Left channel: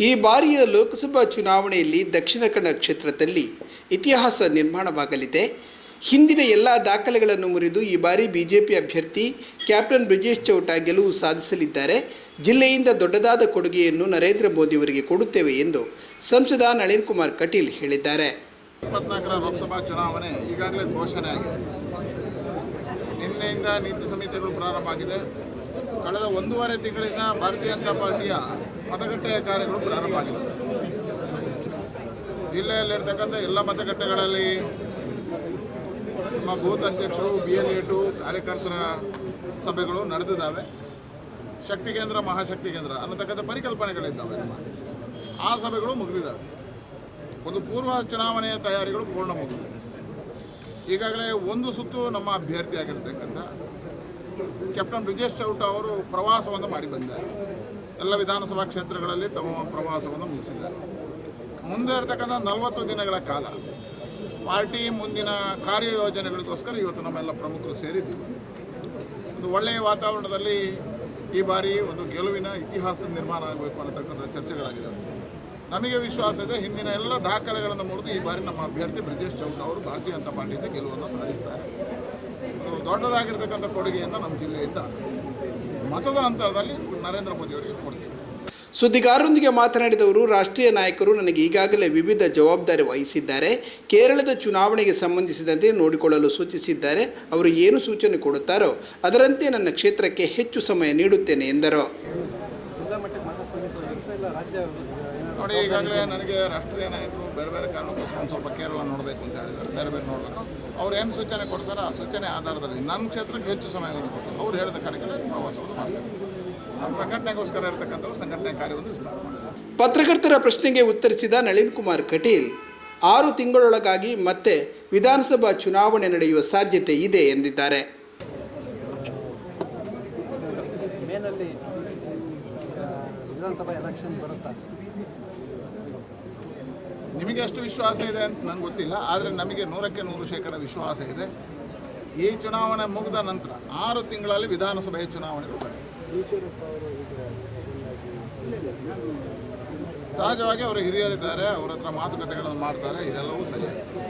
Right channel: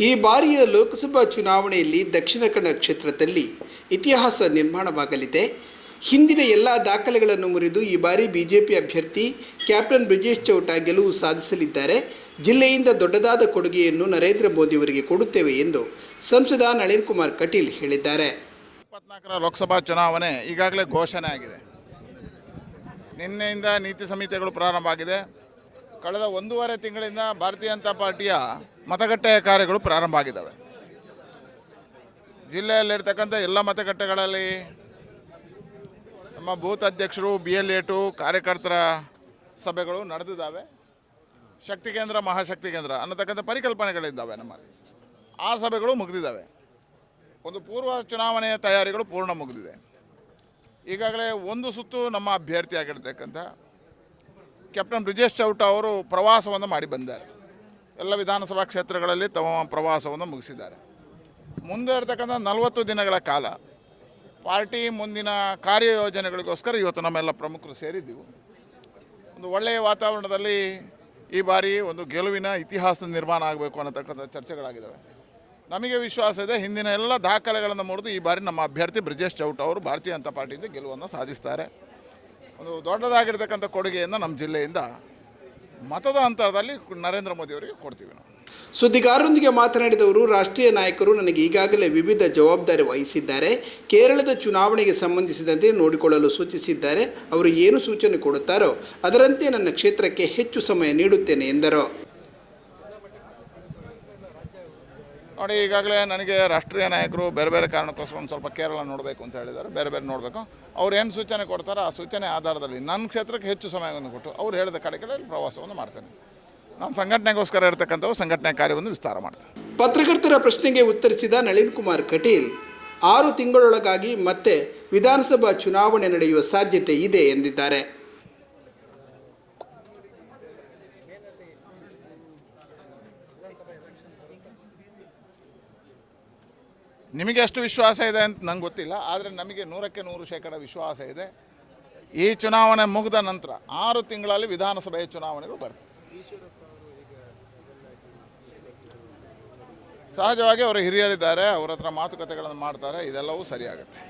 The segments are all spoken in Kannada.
ಈ ಬಾರಿಯ ಲೋಕಸಭಾ ಚುನಾವಣೆಯಲ್ಲಿ ದಕ್ಷಿಣ ಕನ್ನಡ ಕ್ಷೇತ್ರದಲ್ಲಿ ಇತಿಹಾಸ ನಿರ್ಮಾಣವಾಗಲಿದೆ. ಹಿಂದಿನ ಎಲ್ಲ ದಾಖಲೆಗಳನ್ನು ಮುರಿದು ಈ ಬಾರಿ ಬಿಜೆಪಿ ಅಭ್ಯರ್ಥಿ ಕ್ಯಾಪ್ಟನ್ ಬ್ರಿಜೇಶ್ ಚೌಟ ಗೆಲುವು ಸಾಧಿಸಲಿದ್ದಾರೆ. ಜಿಲ್ಲೆಯಿಂದ ದೊಡ್ಡದಾದ ಕೊಡುಗೆಯನ್ನು ನರೇಂದ್ರ ಮೋದಿಯವರಿಗೆ ಕೊಡುತ್ತೇವೆ ಎಂದು ಸಂಸದ ನಳಿನ್ ಕುಮಾರ್ ಕಟೀಲ್ ಹೇಳಿದ್ದಾರೆ. ಇಪ್ಪತ್ನಾಲ್ಕರ ಲೋಕಸಭಾ ಚುನಾವಣೆ ಈಗಾಗಲೇ ಘೋಷಣೆ ಆಗಿದೆ. ನಿನ್ನೆಯಿಂದ ನೀತಿ ಸಂಹಿತೆಗಳು ಪ್ರಾರಂಭ ಆಗಿದೆ. ಕಳೆದ ಒಂದೂವರೆ ತಿಂಗಳಿಂದ ಭಾರತೀಯ ಜನತಾ ಪಾರ್ಟಿಯ ಮತಗಟ್ಟೆಯ ಕಾರ್ಯಗಳು ಪ್ರಾರಂಭ ಆಗಿದೆ ಜಿಲ್ಲೆಯಲ್ಲಿರ್ತಕ್ಕಂಥ ಎಲ್ಲ ಮತಗಟ್ಟೆಗಳಲ್ಲಿ ನಮ್ಮ ಬೂತ್ ಅಧ್ಯಕ್ಷರು ಬಿ ಎಲ್ ಎಟು ಕಾರ್ಯಕರ್ತರ ಸಭೆಗಳು ನಡೆದಿದ್ದಾವೆ. ಶಕ್ತಿ ಕೇಂದ್ರ, ಮಹಾಶಕ್ತಿ ಕೇಂದ್ರ ಅನ್ನತಕ್ಕಂಥ ಪರಿಕಲ್ಪನೆಗಳಿದ್ದಾವೆ ನಮ್ಮ. ಆ ಸಭೆಗಳು ಮುಗಿದಿದ್ದಾವೆ. ಒಂದು ಪೂರ್ವ ಚುನಾವಣೆಯ ತಯಾರಿಗಳು ಪೂರ್ಣ ಮುಗಿದಿವೆ. ಈಗಾಗಲೇ ಒಂದು ಸುತ್ತು ನಮ್ಮ ಅಭ್ಯರ್ಥಿಯಾಗಿರ್ತಕ್ಕಂಥ ಕ್ಯಾಪ್ಟನ್ ಬ್ರಿಜೇಶ್ ಚೌಟ ಅವರು ಪ್ರವಾಸವನ್ನು ಮಾಡಿ ಬಂದಿದ್ದಾರೆ. ಎಲ್ಲ ವಿಧಾನಸಭಾ ಕ್ಷೇತ್ರಗಳಲ್ಲಿ ತಮ್ಮ ಪ್ರವಾಸವನ್ನು ಮುಗಿಸಿದ್ದಾರೆ. ಮುಂದೆ ಇರತಕ್ಕಂಥ ನಲವತ್ತು ದಿನಗಳ ಕಾಲ ಪಾರ್ಟಿ ಮುಂದಿನ ಕಾರ್ಯಯೋಜನೆಗಳಿಗೋಸ್ಕರ ಇವತ್ತು ನಮ್ಮೆಲ್ಲ ಪ್ರಮುಖರು ಸೇರಿದ್ದೀವಿ. ಒಂದು ಒಳ್ಳೆಯ ವಾತಾವರಣದಲ್ಲಿ ಈ ಬಾರಿ ಒಂದು ಗೆಲುವಿನ ಇತಿಹಾಸ ನಿರ್ಮಾಣ ಆಗಬೇಕು ಅನ್ನತಕ್ಕಂಥ ಚರ್ಚೆಗಳಾಗಿದೆ ನಮಗೆ ವಿಶ್ವಾಸ ಇದೆ, ಹಿಂದಿನ ಎಲ್ಲ ದಾಖಲೆಗಳನ್ನು ಮುರಿದು ಈ ಬಾರಿ ನಮ್ಮ ಅಭ್ಯರ್ಥಿ ಬ್ರಿಜೇಶ್ ಚೌಟ್ ಅವರು ಭಾರತೀಯ ಜನತಾ ಪಾರ್ಟಿಯಿಂದ ಗೆಲುವನ್ನು ಸಾಧಿಸ್ತಾರೆ. ಒಂದು ದೊಡ್ಡದಾಗಿರ್ತಕ್ಕಂಥ ಕೊಡುಗೆಯನ್ನು ನಮ್ಮ ಜಿಲ್ಲೆಯಿಂದ ಮತದ ಅಂತರದಲ್ಲಿ ನರೇಂದ್ರ ಮೋದಿ ಅವರಿಗೆ ಕೊಡ್ತೀವಿ. ಸುದ್ದಿಗಾರರೊಂದಿಗೆ ಮಾತನಾಡಿದವರು, ರಾಷ್ಟ್ರೀಯ ನಾಯಕರು ನನಗೆ ಈಗಾಗಲೇ ವಿವಿಧ ಜವಾಬ್ದಾರಿ ವಹಿಸಿದ್ದಾರೆ. ಕೇರಳದ ಚುನಾವಣೆಗೆ ಸಂಬಂಧಿಸಿದಂತೆ ನೋಡಿಕೊಳ್ಳಲು ಸೂಚಿಸಿದ್ದಾರೆ. ಅವರು ಏನು ಸೂಚನೆ ಕೊಡುತ್ತಾರೋ ಅದರಂತೆ ನನ್ನ ಕ್ಷೇತ್ರಕ್ಕೆ ಹೆಚ್ಚು ಸಮಯ ನೀಡುತ್ತೇನೆ ಎಂದರು. ನೋಡಿ, ಈಗಾಗಲೇ ನನಗೆ ರಾಷ್ಟ್ರೀಯ ನಾಯಕರು ಬೇರೆ ಬೇರೆ ಕಾರಣಕ್ಕೋಸ್ಕರ ಒಂದು ಸ್ವಲ್ಪ ಕೇರಳ ನೋಡಬೇಕು ಅಂತ ಹೇಳಿದ್ದಾರೆ. ಬೇರೆ ಬೇರೆ ನೋಡಬೇಕು. ಅವ್ರು ಏನು ಸೂಚನೆ ಕೊಡ್ತಾರೋ ಆ ಸೂಚನೆ ಆಧಾರದಲ್ಲಿ ನನ್ನ ಕ್ಷೇತ್ರಕ್ಕೆ ಹೆಚ್ಚು ಸಮಯವನ್ನು ಕೊಟ್ಟು ಅವ್ರು ಹೇಳಿದ ಕಡೆಗೆ ಪ್ರವಾಸವನ್ನು ಮಾಡ್ತಾರೆ. ನಮ್ಮ ಸಂಘಟನೆಗೋಸ್ಕರ ಇರತಕ್ಕಂಥವು ಸಂಘಟನೆ ಕಾರ್ಯವನ್ನು ವಿಸ್ತಾರ ಮಾಡ್ತಾರೆ. ಪತ್ರಕರ್ತರ ಪ್ರಶ್ನೆಗೆ ಉತ್ತರಿಸಿದ ನಳಿನ್ ಕುಮಾರ್ ಕಟೀಲ್, ಆರು ತಿಂಗಳೊಳಗಾಗಿ ಮತ್ತೆ ವಿಧಾನಸಭಾ ಚುನಾವಣೆ ನಡೆಯುವ ಸಾಧ್ಯತೆ ಇದೆ ಎಂದಿದ್ದಾರೆ. ವಿಧಾನಸಭಾ ಎಲೆಕ್ಷನ್ ಬರುತ್ತಾ? ನಿಮಗೆ ಎಷ್ಟು ವಿಶ್ವಾಸ ಇದೆ ಅಂತ ನಂಗೆ ಗೊತ್ತಿಲ್ಲ, ಆದರೆ ನಮಗೆ ನೂರಕ್ಕೆ ನೂರು ಶೇಕಡ ವಿಶ್ವಾಸ ಇದೆ. ಈ ಚುನಾವಣೆ ಮುಗಿದ ನಂತರ ಆರು ತಿಂಗಳಲ್ಲಿ ವಿಧಾನಸಭೆಯ ಚುನಾವಣೆಗಳು ಬರುತ್ತೆ. ಸಹಜವಾಗಿ ಅವರು ಹಿರಿಯರಿದ್ದಾರೆ, ಅವ್ರ ಹತ್ರ ಮಾತುಕತೆಗಳನ್ನು ಮಾಡ್ತಾರೆ, ಇದೆಲ್ಲವೂ ಸರಿಯಾಗುತ್ತೆ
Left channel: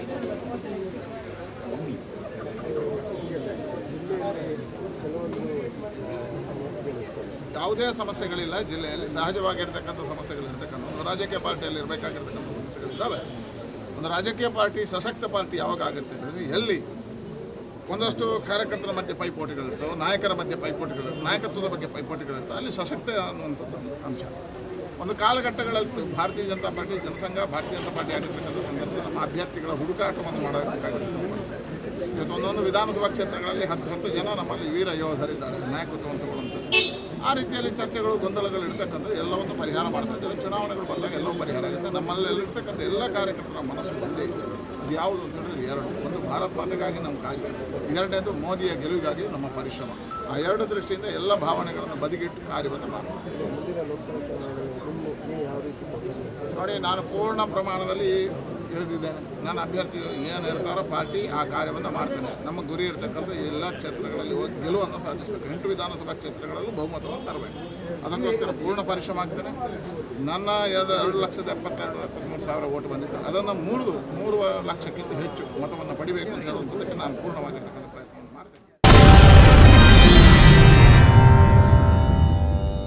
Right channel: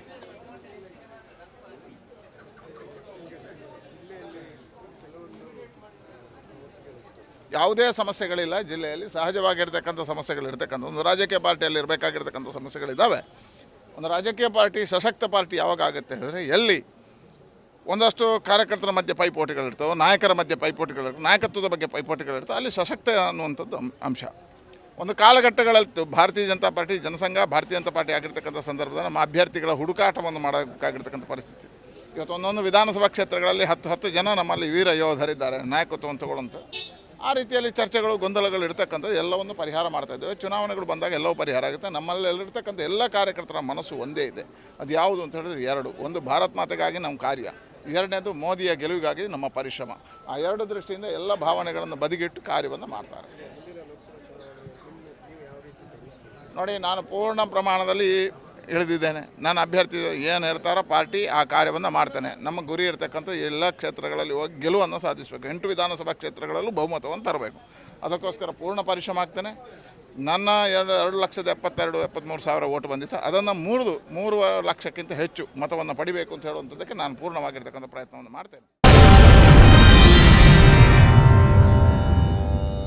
ಯಾವುದೇ ಸಮಸ್ಯೆಗಳಿಲ್ಲ ಜಿಲ್ಲೆಯಲ್ಲಿ, ಸಹಜವಾಗಿರ್ತಕ್ಕಂಥ ಸಮಸ್ಯೆಗಳು ಇರ್ತಕ್ಕಂಥ ಒಂದು ರಾಜಕೀಯ ಪಾರ್ಟಿಯಲ್ಲಿ ಇರಬೇಕಾಗಿರ್ತಕ್ಕಂಥ ಸಮಸ್ಯೆಗಳಿದ್ದಾವೆ ಒಂದು ರಾಜಕೀಯ ಪಾರ್ಟಿ, ಸಶಕ್ತ ಪಾರ್ಟಿ ಯಾವಾಗ ಆಗುತ್ತೆ ಹೇಳಿದ್ರೆ ಎಲ್ಲಿ ಒಂದಷ್ಟು ಕಾರ್ಯಕರ್ತರ ಮಧ್ಯೆ ಪೈಪೋಟಿಗಳಿರ್ತವೆ ನಾಯಕರ ಮಧ್ಯೆ ಪೈಪೋಟಿಗಳು ನಾಯಕತ್ವದ ಬಗ್ಗೆ ಪೈಪೋಟಿಗಳಿರ್ತವೆ ಅಲ್ಲಿ ಸಶಕ್ತ ಅನ್ನುವಂಥದ್ದು ಅಂಶ. ಒಂದು ಕಾಲಘಟ್ಟಗಳಲ್ಲಿ ಭಾರತೀಯ ಜನತಾ ಪಾರ್ಟಿ, ಜನಸಂಘ ಭಾರತೀಯ ಜನತಾ ಪಾರ್ಟಿ ಆಗಿರ್ತಕ್ಕಂಥ ಸಂದರ್ಭದಲ್ಲಿ ನಮ್ಮ ಅಭ್ಯರ್ಥಿಗಳ ಹುಡುಕಾಟವನ್ನು ಮಾಡಬೇಕಾಗಿರ್ತಕ್ಕಂಥ ಪರಿಸ್ಥಿತಿ. ಇವತ್ತು ಒಂದೊಂದು ವಿಧಾನಸಭಾ ಕ್ಷೇತ್ರಗಳಲ್ಲಿ ಹತ್ತು ಹತ್ತು ಜನ ನಮ್ಮಲ್ಲಿ ವೀರ ಯೋಧರಿದ್ದಾರೆ, ನಾಯಕತ್ವವನ್ನು ಆ ರೀತಿಯಲ್ಲಿ ಚರ್ಚೆಗಳು, ಗೊಂದಲಗಳು ಇರ್ತಕ್ಕಂಥದ್ದು ಎಲ್ಲವನ್ನು ಪರಿಹಾರ ಮಾಡ್ತಾ ಇದ್ದೇವೆ. ಚುನಾವಣೆಗಳು ಬಂದಾಗ ಎಲ್ಲವೂ ಪರಿಹಾರ ಆಗುತ್ತೆ. ನಮ್ಮಲ್ಲಿರ್ತಕ್ಕಂಥ ಎಲ್ಲ ಕಾರ್ಯಕರ್ತರ ಮನಸ್ಸು ಒಂದೇ ಇದೆ. ಅದು ಯಾವುದು ಅಂತ ಹೇಳಿದ್ರೆ ಎರಡು. ಒಂದು ಭಾರತ್ ಮಾತೆಗಾಗಿ ನಮ್ಮ ಕಾರ್ಯ. ಎರಡನೇದು ಮೋದಿಯ ಗೆಲುವಿಗಾಗಿ ನಮ್ಮ ಪರಿಶ್ರಮ. ಆ ಎರಡು ದೃಷ್ಟಿಯಿಂದ ಎಲ್ಲ ಭಾವನೆಗಳನ್ನು ಬದಿಗಿಟ್ಟು ಕಾರ್ಯವನ್ನು ಮಾಡ್ತಾರೆ ನೋಡಿ, ನಾನು ಪೂರ್ಣ ಪ್ರಮಾಣದಲ್ಲಿ ಇಳಿದಿದ್ದೇನೆ ನಾನು ಅಭ್ಯರ್ಥಿ ಏನು ಇರ್ತಾರೋ ಪಾರ್ಟಿ ಆ ಕಾರ್ಯವನ್ನು ಮಾಡ್ತೇನೆ. ನಮ್ಮ ಗುರಿ ಇರತಕ್ಕಂಥ ಎಲ್ಲ ಕ್ಷೇತ್ರಗಳಲ್ಲಿ ಹೋಗಿ ಗೆಲುವನ್ನು ಸಾಧಿಸಬೇಕು. ಎಂಟು ವಿಧಾನಸಭಾ ಕ್ಷೇತ್ರಗಳಲ್ಲೂ ಬಹುಮತವನ್ನು ತರಬೇಕು. ಅದಕ್ಕೋಸ್ಕರ ಪೂರ್ಣ ಪರಿಶ್ರಮ ಆಗ್ತೇನೆ. ನನ್ನ ಎರಡು ಎರಡು ಲಕ್ಷದ ಎಪ್ಪತ್ತೆರಡು ಎಪ್ಪತ್ತ್ಮೂರು ಸಾವಿರ ಓಟು ಬಂದಿತ್ತು. ಅದನ್ನು ಮೂರು ಮೂರು ಲಕ್ಷಕ್ಕಿಂತ ಹೆಚ್ಚು ಮತವನ್ನು ಪಡಿಬೇಕು ಅಂತ ಹೇಳುವಂಥದ್ದಕ್ಕೆ ನಾನು ಪೂರ್ಣವಾಗಿರ್ತಕ್ಕಂಥ ಪ್ರಯತ್ನವನ್ನು ಮಾಡ್ತೇನೆ.